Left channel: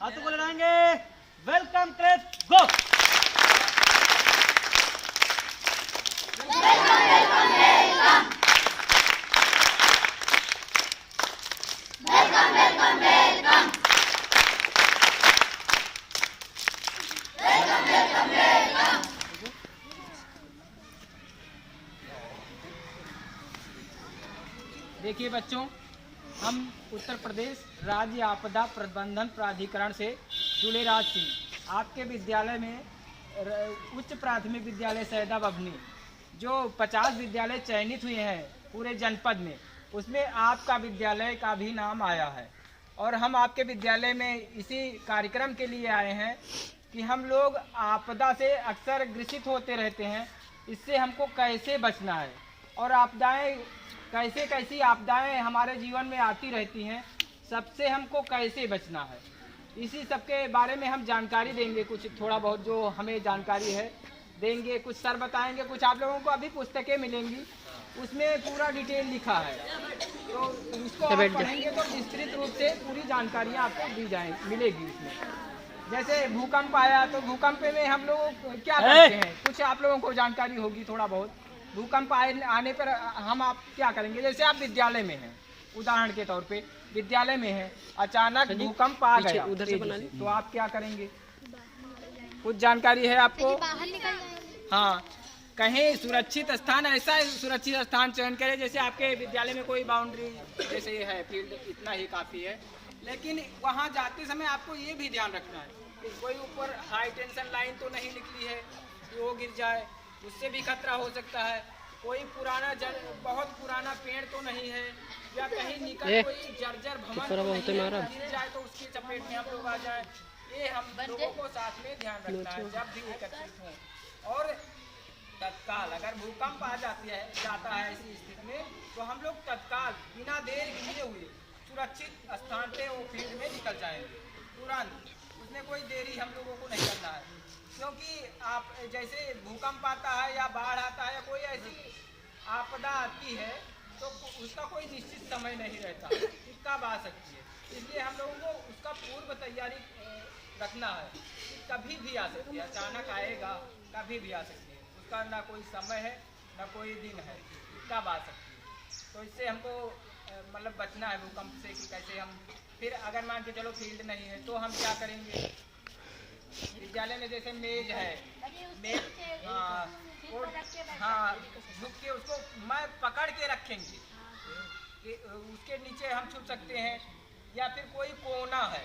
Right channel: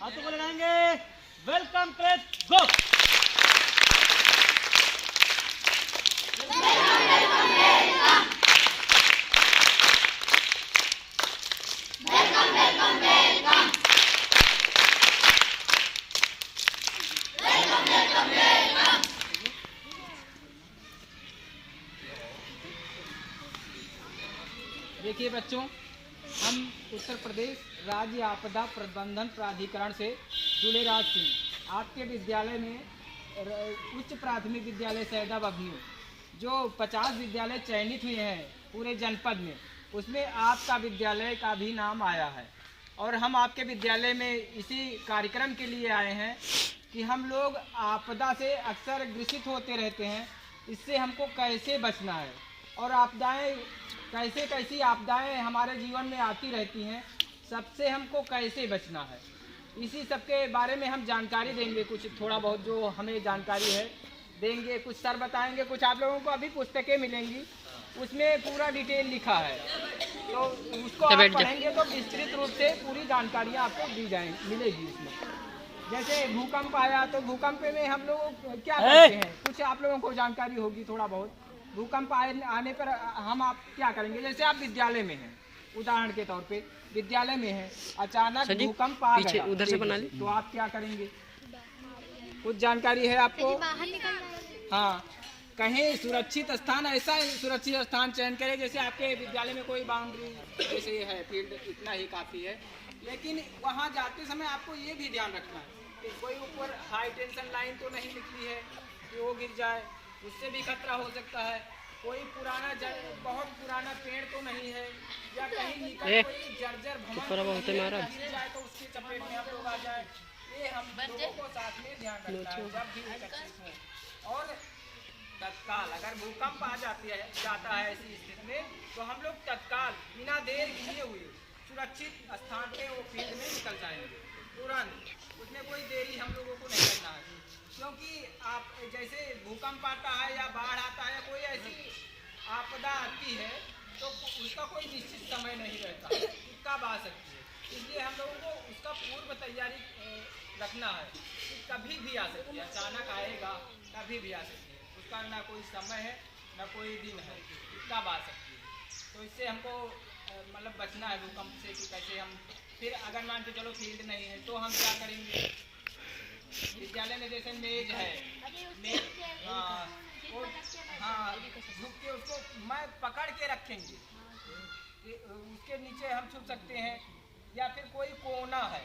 हाथों को लगाएंगे। वेलकम क्रेज गो। देखिए बच्चों, हम उत्तर प्रदेश राज्य आपदा प्रबंधन प्राधिकरण से जुड़े राज सिंह आपके विद्यालय में उच्च प्राथमिक विद्यालय सैदा बभनी जो 50 विद्यालय चयनित हुए हैं पूरे जनपद में, उसमें आपका विद्यालय का भी नाम आया है। और हम आपके विद्यालय में इसी कार्यक्रम के लिए आए हैं कि हम लोग आपदा से अक्सर ग्रसित होते रहते हैं, इससे हमको कैसे बचना है और आपदाएं कैसी आपदाएं हमारे जीवन में आती रहती हैं, सबसे हमको कैसे बचना है, इसी सब के बारे में हम जानकारी देंगे। कुछ थोड़ा बहुत जो हमें जानकारी है देंगे, कुछ सर बताएंगे, कुछ आप लोगों को अभी पुस्तकें मिलेंगी उसमें पूरा डिटेल लिखा है, तो उसको आप पढ़ेंगे तो विस्तृत रूप से पूरी जानकारियाँ आपको दी मिलेगी उसमें। जैसे भूकंप आया तो भूकंप में हम लोग क्या करते हैं, कुछ आप लोगों को जानकारी होगी थोड़ा बहुत। भूकंप आने पर हम आप क्या करेंगे, जैसे आप विद्यालय में हैं, उदाहरण के तौर पे विद्यालय में हैं, अचानक भूकंप आ गया उधर से बना तो आप क्या करेंगे, कुछ जानकारी है आपको? हाँ, कहीं सुरक्षित स्थान, ऐसा सुरक्षित स्थान चयन करें जैसे आपके विद्यालय में कोई बाउंड्री जैसे है, फील्ड इतना ही काफ़ी है, लेकिन वहाँ जाते समय आपको ये भी ध्यान रखना है कि कोई ऊपर हाई टेंशन लाइन तो नहीं निकली है कि वो गिर जाए, उससे भी खतरा हो सकता है। कोई बहुत पुराना पेड़ तो नहीं है, या कहीं निकल कोई जर्जर भवन गिर जाए तो उसकी चपेट में हम लोग आ जाए, ये हम लोगों को साथ में ध्यान रखना है जब भी एकत्रित हों। और तत्काल अगर भूकंप आ जाता है ऐसी स्थिति में, तो हम लोग तत्काल बिना देर किए हुए सुरक्षित स्थान पे वो फील्ड में निकल जाएंगे तुरंत, उसमें कोई देरी हम लोगों को नहीं करना है। क्योंकि आप जैसे भूकंप आता है या बाढ़ आता है या कोई ऐसी आपदा आती है तो उसका कोई निश्चित समय नहीं रहता कि कब आ सकती है, इसलिए हम लोगों को उसका पूर्व तैयारी रखना है कि कभी भी आ सकती है, अचानक आएगा, कभी भी आ सकती है, उसका ना कोई समय है ना कोई दिन है कि कब आ सकती है। तो इससे हमको मतलब बचना है भूकंप से कि कैसे हम, फिर अगर मान के चलो फील्ड नहीं है तो हम क्या करेंगे, विद्यालय में जैसे मेज है, मेज हाँ झुक के उसको मैं पकड़ के रखेंगे कि उसके नीचे हम छुप सकते हैं, या फिर कोई कोना है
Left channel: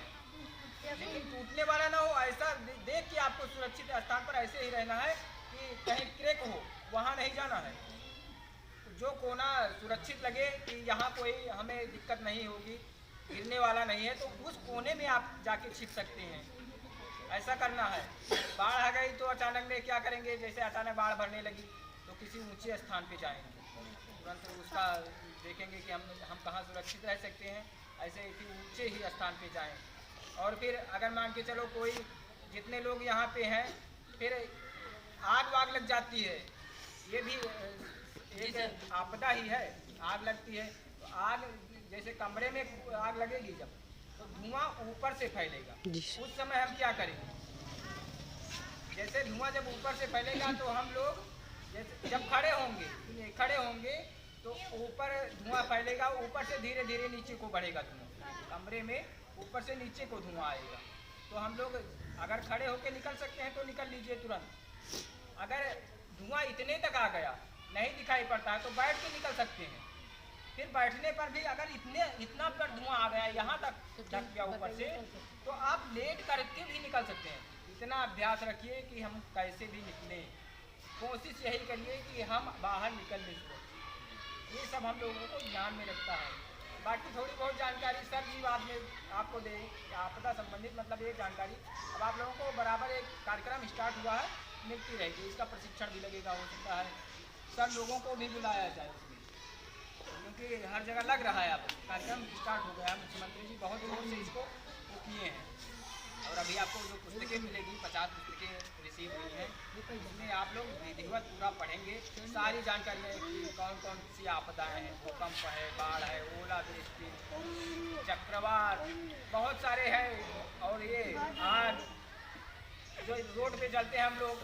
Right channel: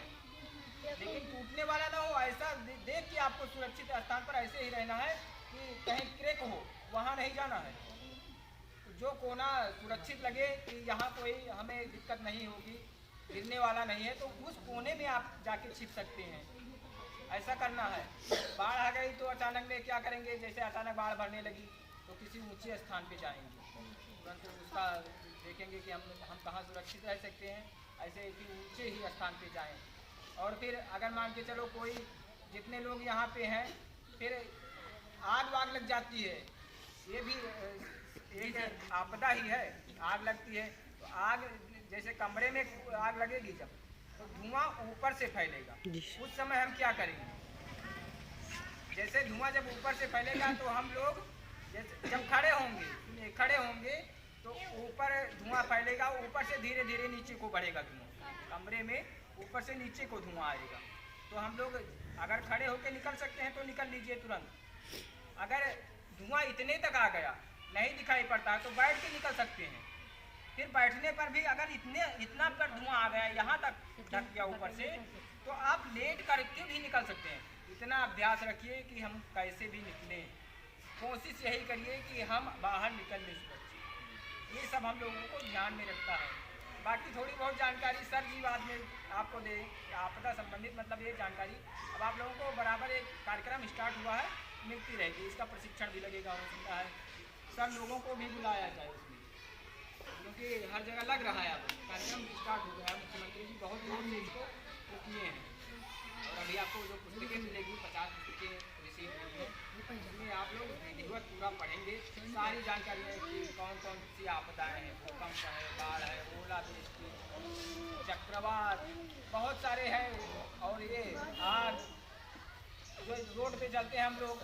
लेकिन टूटने वाला ना हो, ऐसा देख के आपको सुरक्षित स्थान पर ऐसे ही रहना है कि कहीं क्रैक हो वहाँ नहीं जाना है, जो कोना सुरक्षित लगे कि यहाँ कोई हमें दिक्कत नहीं होगी, गिरने वाला नहीं है, तो उस कोने में आप जाके छिप सकते हैं, ऐसा करना है। बाढ़ आ गई तो अचानक में क्या करेंगे, जैसे अचानक बाढ़ भरने लगी तो किसी ऊंचे स्थान पे जाएंगे, तुरंत उसका देखेंगे कि हम कहाँ सुरक्षित रह सकते हैं, ऐसे किसी ऊंचे ही स्थान पे जाएं। और फिर अगर मान के चलो कोई जितने लोग यहाँ पे हैं, फिर आग वाग लग जाती है, ये भी एक आपदा ही है, आग लगती है तो आग जैसे कमरे में आग लगेगी जब तो धुआं ऊपर से फैलेगा, उस समय हम क्या करेंगे, जैसे धुआं जब ऊपर से फैलेगा तो हम लोग जैसे जब खड़े होंगे तो ऊपर धुआं फैलेगा, ऊपर से धीरे धीरे नीचे को बढ़ेगा धुआं, कमरे में ऊपर से नीचे को धुआं आएगा, तो हम लोग अगर खड़े होकर निकल सकते हैं तो निकल लीजिए तुरंत। अगर धुआं इतने तक आ गया नहीं दिखाई पड़ता है तो बैठ के निकल सकते हैं, फिर बैठने पर भी अगर इतना पर धुआं आ गया यहाँ तक ढक गया ऊपर से तो आप लेट करके भी निकल सकते हैं। इतना अभ्यास रखिए कि हम कैसे भी निकलें, कोशिश यही करिए कि हम बाहर निकल लें, ये सब हम लोगों को ध्यान में रखता है। बाकी थोड़ी बहुत जानकारी सर जी बाद में आपको दें आपदा संबंधित, मतलब ये जानकारी अब आप लोगों को बराबर एक कार्यक्रम स्टार्ट हुआ है मिलती रहेगी, इसका प्रशिक्षण भी लगेगा, हो सकता है सर लोगों को भी बुलाया जाए उसमें, क्योंकि हर जगह लग रहा है, अब कार्यक्रम स्टार्ट हो गया है, मुख्यमंत्री जी बहुत जोर से इसको किए हैं। और अभी आपको जो पुस्तकें मिलेगी 50 पुस्तकें रिसीव हुई हैं, इसमें आप लोग विधिवत पूरा पढ़ेंगे, सारी जानकारियाँ कि कौन कौन सी आपदाएँ हैं, भूकंप है, बाढ़ है, ओलावृष्टि, चक्रवात, बहुत सारे हैं, और और ये आज जो रोड पे चलते हैं हम लोग,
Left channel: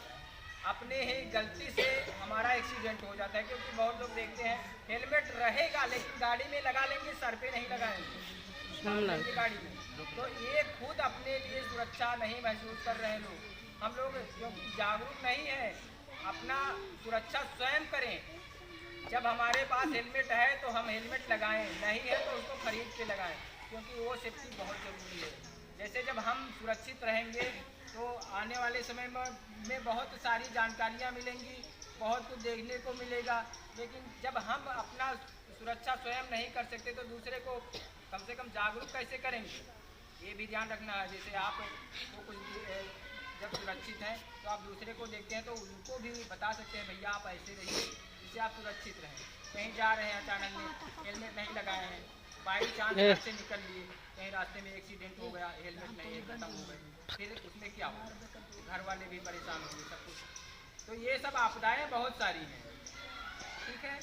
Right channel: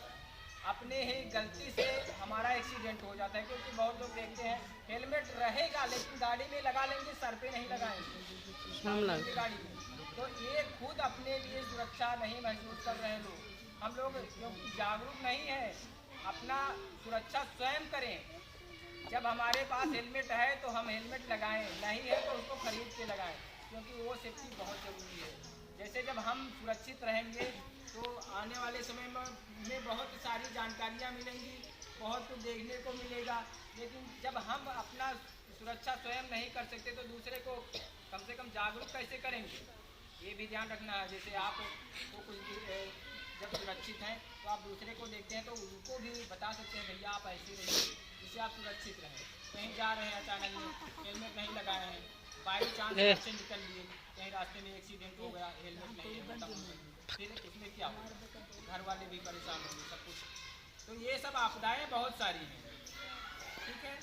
अपने ही गलती से हमारा एक्सीडेंट हो जाता है, क्योंकि बहुत लोग देखते हैं हेलमेट रहेगा लेकिन गाड़ी में लगा लेंगे, सर पे नहीं लगाएंगे गाड़ी में। तो ये खुद अपने लिए सुरक्षा नहीं महसूस कर रहे लोग। हम लोग क्योंकि जागरूक नहीं है, अपना सुरक्षा स्वयं करें। जब हमारे पास हेलमेट है तो हम हेलमेट लगाएं, नहीं है तो उसको खरीद के लगाएं, क्योंकि वो सेफ्टी बहुत ज़रूरी है। जैसे जब हम सुरक्षित रहेंगे तो आने वाले समय में बहुत सारी जानकारियाँ मिलेंगी, बहुत कुछ देखने को मिलेगा। लेकिन जब हम अपना सुरक्षा स्वयं नहीं कर सकते तो दूसरे को कम से कम जागरूक कैसे करेंगे, ये भी ध्यान रखना है। जैसे आप को कुछ जब सुरक्षित हैं तो आप दूसरे को देखते हैं तो उनको भी बता सकते हैं भैया आप ऐसे रहिए, जिससे आप सुरक्षित रहें। कहीं जा रहे हैं अचानक में, हेलमेट नहीं लगाए हैं, बाई चांस घर से निकल लिए, कहीं रास्ते में एक्सीडेंट हो गया, हेलमेट नहीं है, खत्म हो गई, फिर उसमें क्या होगा, घर वाले भी परेशान होंगे, सब कुछ। तो ये सब आपदाएं बहुत सारी हैं, ठीक है।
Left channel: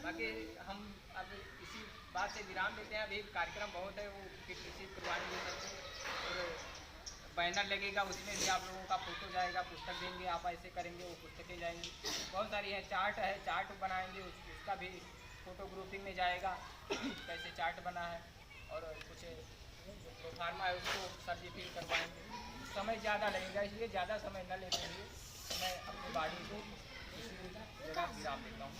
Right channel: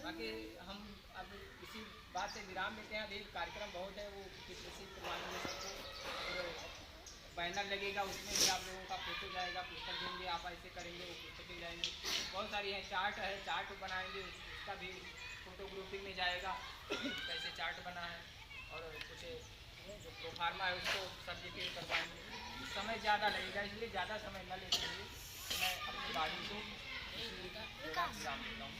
बाकी हम अब इसी बात से विराम देते हैं। अभी कार्यक्रम बहुत है, वो फिर रिसीव करवाएंगे सबको, और बैनर लगेगा, उसमें भी आप लोगों का फोटो जाएगा, पुस्तक देंगे, आप ऐसे करेंगे, वो पुस्तकें जाएंगी, बहुत सारी है। चार्ट है, चार्ट बनाएंगे, उसका भी फोटो ग्रुपिंग में जाएगा, कैसे चार्ट बना है, और कुछ जो प्रोग्राम है उसको सर्टिफिकेट कर पाएंगे। समय ज़्यादा लगेगा, इसलिए ज़्यादा समय न लेते हुए मैं अपनी बात को विराम देता हूँ।